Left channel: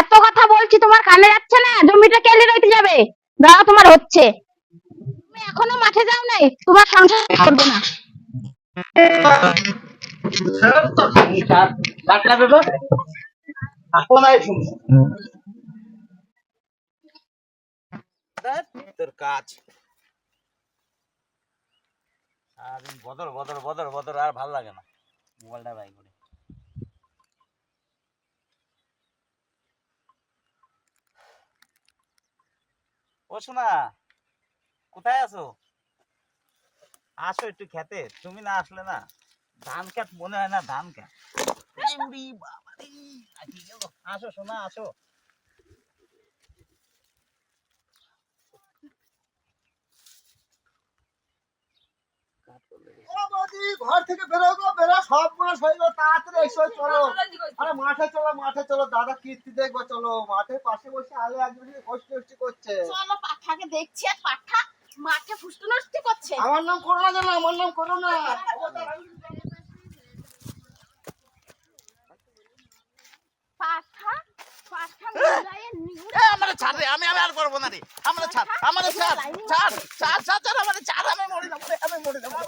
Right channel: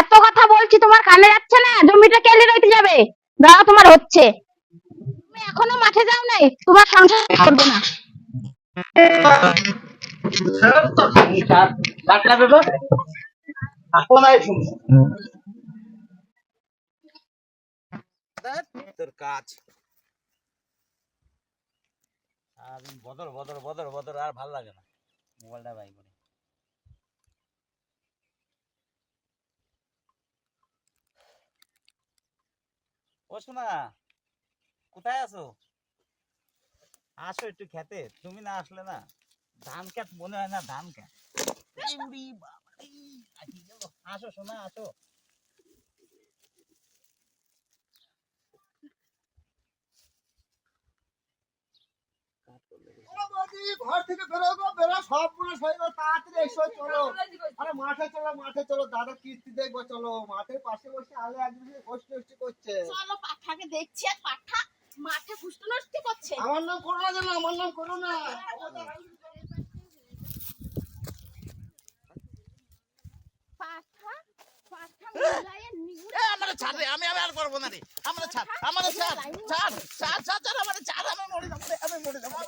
এত কথা বলছি তোমার কানে যাচ্ছে না? জমিটা কেলে রইতে যাবে? দাঁড়া, তোমার হচ্ছে। তুমি এখনো মাঠে যাও নাই, তোমার সংসার করবে না। তোর কাজ সারাদিন বদর বদর বদর বদর, আর ভাল লাগে না। মোবাইলটা বাই করি। ও শোনা, কোথায় আছো? আসো একটু খেতে। তুমি না আসলে না ধান খেত মনে হয় না। ধান খেত আসো শোনা, আসো। ঘর থেকে বেরো গো, বেরো, সব পুরো হয়ে গেল, তাড়াতাড়ি এসো, চলো। আরে মাঠে চলো, মাঠে চলো, দাদা কীর্তি দেখবো, চলো। মাঠের পাশে বসে আলে একজন কষ্ট করছে। চলো পাঠাকে দেখছি, আর পাঠা মাঠে ফুসটু নষ্টি করছে। আমার নাম করো না, জানো, আমার নাম করো না। পাঠা পাঠা মুলায়ে নিগুড়ে আমার ছাড় রে, আমি আর করবো না রে। আমার ছাড়, আমার ছাড়, ছাড় ছাড় ছাড়, আমার ছাড়, আমি মরে যাবো, আমি মরে যাবো।